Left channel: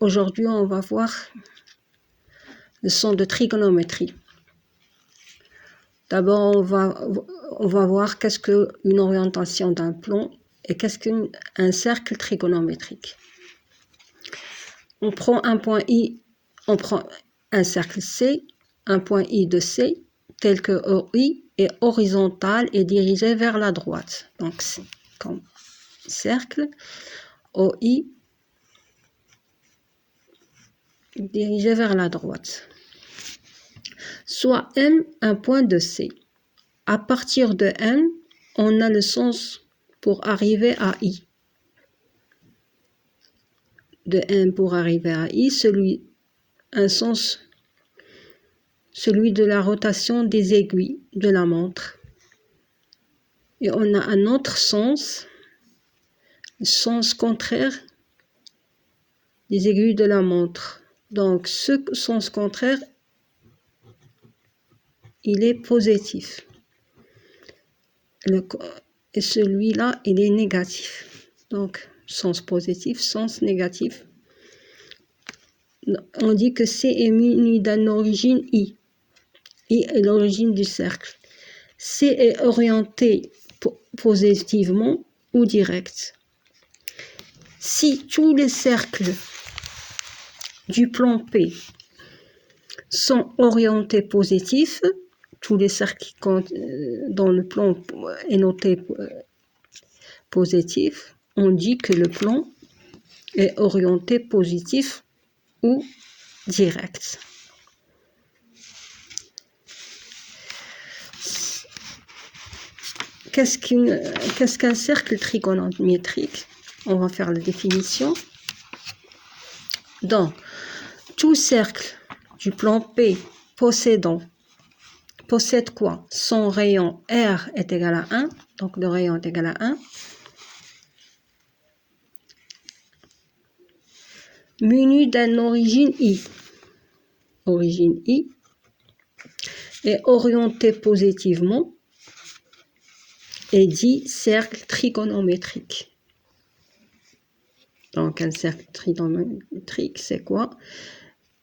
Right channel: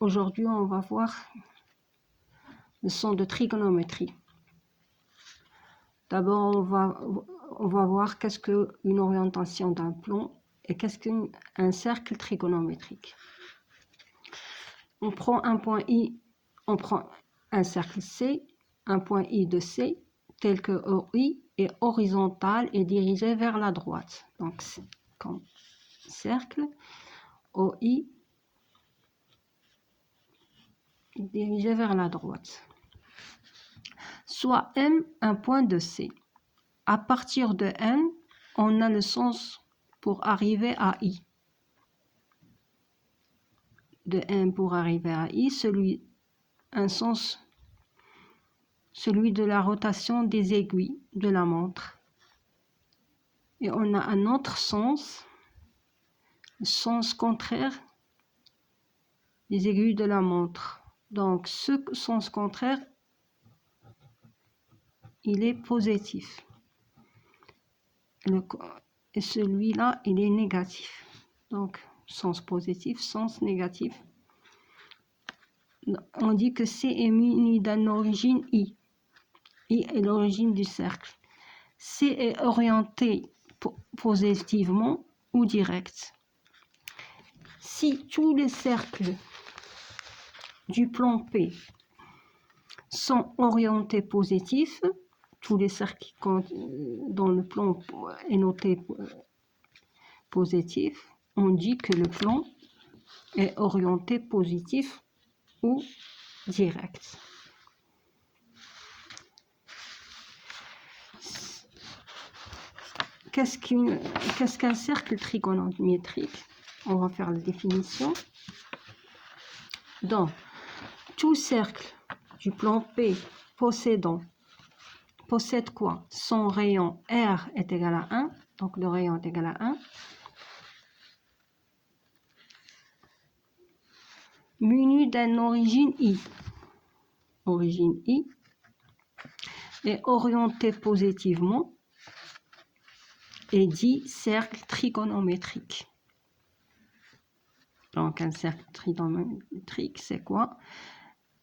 Aujourd'hui, on va voir le son de trigonométrie. D'abord, on va voir qu'est-ce qu'une orientation d'un plan et qu'est-ce qu'un cercle trigonométrique. On prend un point I, on prend un cercle C, un point I de C, tel que OI est horizontal et dirigé vers la droite. Donc, c'est comme cercle, OI dirigé vers la droite. Soit M, un point de C. À partir de M, on a le sens pour arriver à I. De M pour arriver à I, celui de la rotation des aiguilles de la montre. Et on a un autre sens, le sens contraire des aiguilles de la montre. Donc, ce sens contraire, il est positif. Et celui-là, il est négatif. Donc, sens positif, sens négatif. On dit que C est muni d'une origine I. I est l'origine du cercle. C est orienté positivement ou direct. Si tous les cercles du plan P sont orientés positifs, tous les cercles dont le plan est noté positif, on dit que le plan est orienté positif ou direct. Qu'est-ce qu'un cercle trigonométrique? On va faire la définition. Donc, tout cercle du plan P possède quoi? Son rayon R est égal à 1, donc le rayon est égal à 1, muni d'une origine I. Origine I est orienté positivement et dit cercle trigonométrique. Donc, un cercle trigonométrique, c'est quoi?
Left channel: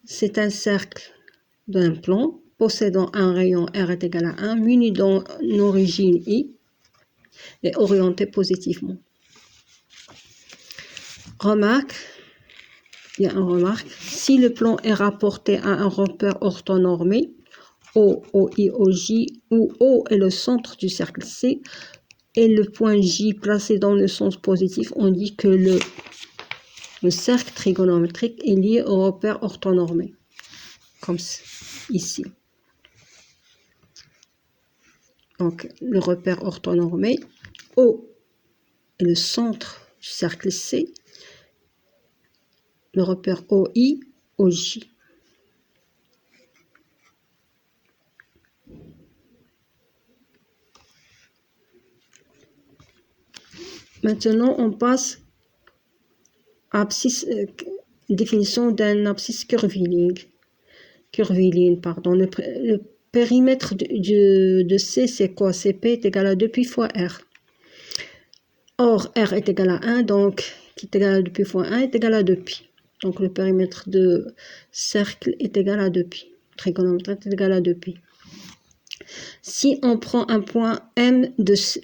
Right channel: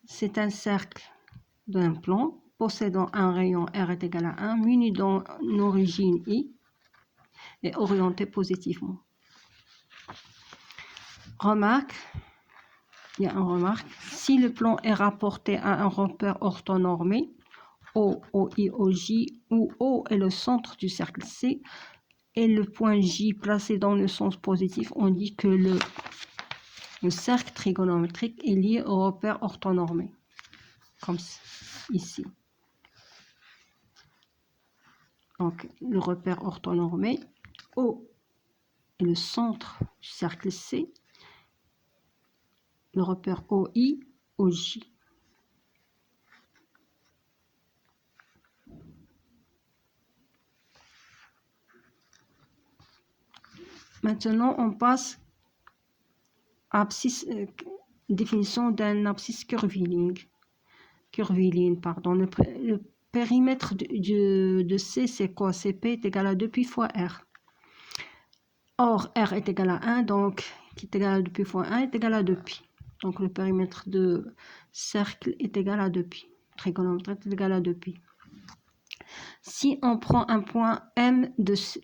C'est un cercle d'un plan possédant un rayon R est égal à 1, muni d'une origine I et orienté positivement. Remarque, il y a une remarque, si le plan est rapporté à un repère orthonormé, O, OI, OJ, où O est le centre du cercle C et le point J placé dans le sens positif, on dit que le cercle trigonométrique est lié au repère orthonormé, comme ici. Donc, le repère orthonormé, O est le centre du cercle C, le repère OI, OJ. Maintenant, on passe à définition d'un abscisse curviligne. Le périmètre de C, c'est quoi? CP est égal à 2 pi fois R. Or, R est égal à 1, donc qui est égal à 2 pi fois 1 est égal à 2 pi. Donc, le périmètre de cercle est égal à 2 pi. Trigonométrique est égal à 2 pi. Si on prend un point M de C,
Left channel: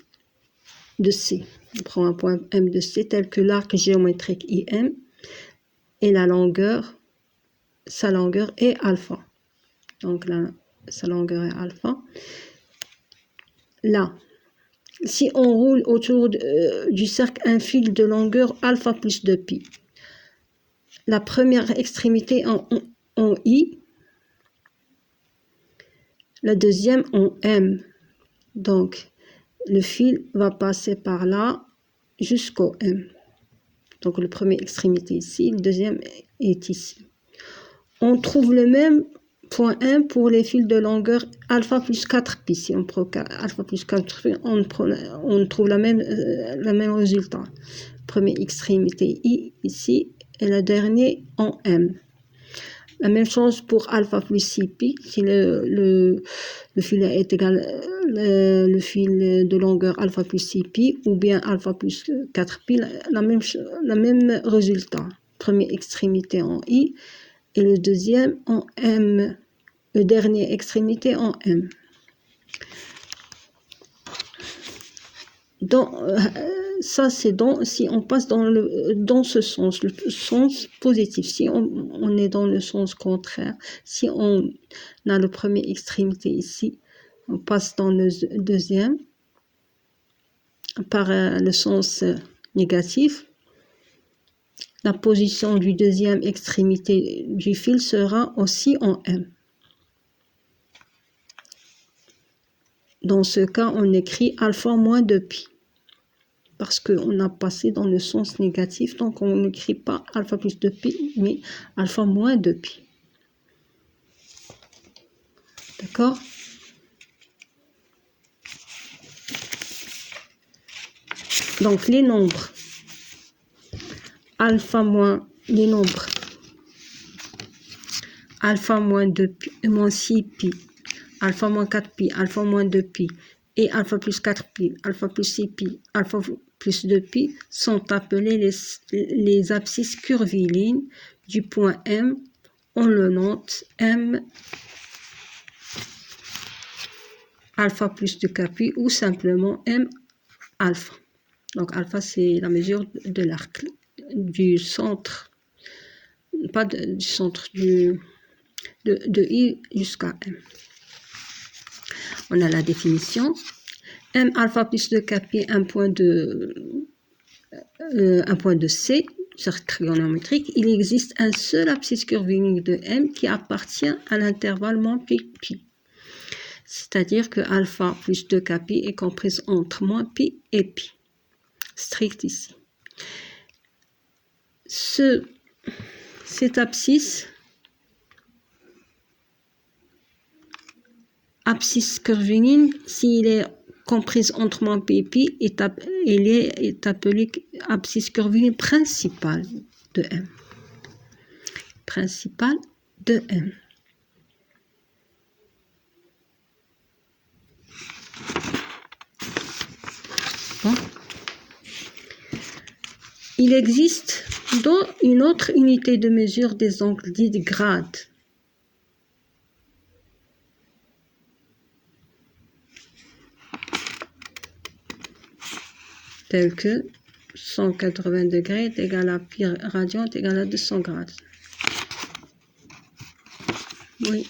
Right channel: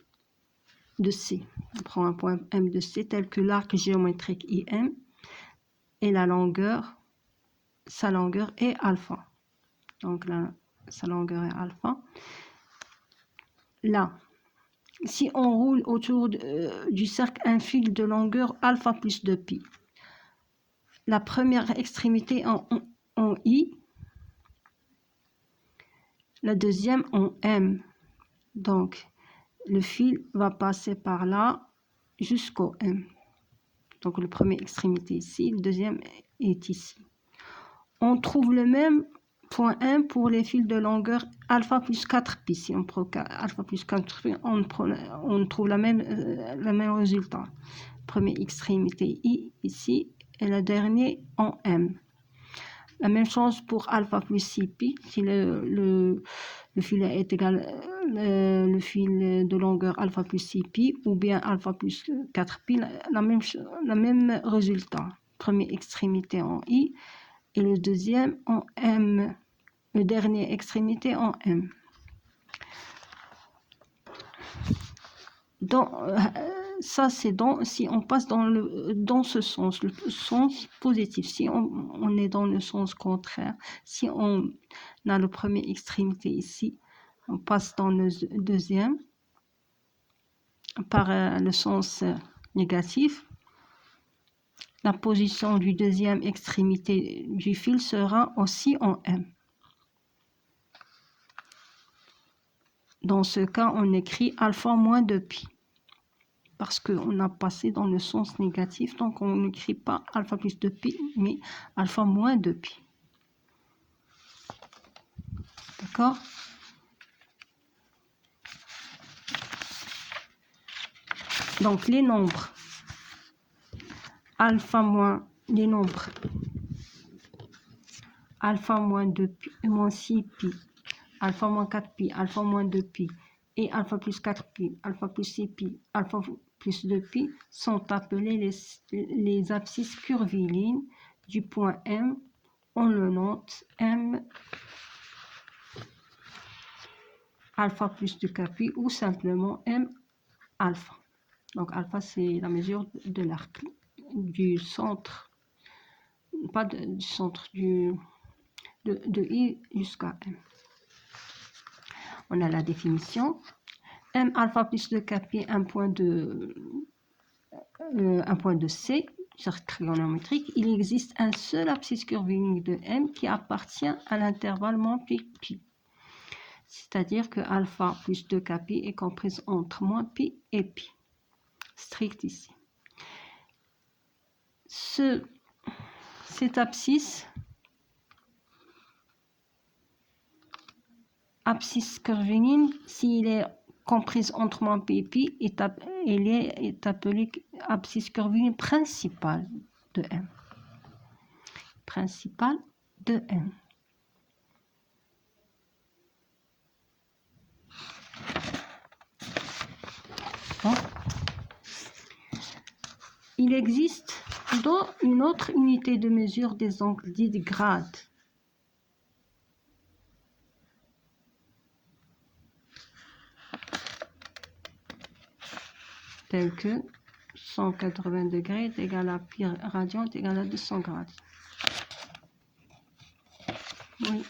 on prend un point M de C tel que l'arc géométrique IM et sa longueur est alpha. Donc là, sa longueur est alpha. Là, si on roule autour du cercle un fil de longueur alpha plus 2 pi, la première extrémité en I, la deuxième en M. Donc, le fil va passer par là jusqu'au M. Donc, la première extrémité ici, le deuxième est ici. On trouve le même point M pour les fils de longueur alpha plus 4 pi. Si on prend alpha plus 4 pi, on trouve le même résultat. Première extrémité I ici et la dernière en M. La même chose pour alpha plus 6pi, si le fil est égal, le fil de longueur alpha plus 6pi, ou bien alpha plus 4pi, la même résultat. Première extrémité en I, et le deuxième en M, le dernier extrémité en M. Ça, c'est si on passe dans ce sens, le sens positif. Si on est dans le sens contraire, si on a la première extrémité ici, on passe dans le deuxième par le sens négatif. La position du deuxième extrémité du fil sera aussi en M. Dans ce cas, on écrit alpha moins 2pi. Parce qu'on a passé dans le sens négatif, donc on n'écrit pas alpha plus 2pi, mais alpha moins 2pi. D'accord? Donc les nombres alpha moins 2pi, moins 6pi, alpha moins 4pi, alpha moins 2pi et alpha plus 4pi, alpha plus 6pi, alpha plus 2pi sont appelés les abscisses curvilines du point M. On le note M alpha plus 2kpi ou simplement M alpha. Donc alpha, c'est la mesure de l'arc du centre, pas du centre de I jusqu'à M. On a la définition. M alpha plus 2kpi, un point de C, cercle trigonométrique. Il existe un seul abscisse curviligne de M qui appartient à l'intervalle moins pi. C'est-à-dire que alpha plus 2kpi est comprise entre moins pi et pi. Strict ici. Cette abscisse curviligne, s'il est comprise entre moins pi et pi, est appelée abscisse curviligne principale de M. Principale de M. Bon. Il existe dans une autre unité de mesure des angles dits grades. Tel que 180 degrés est égal à pi radian est égal à 200 grades. Oui.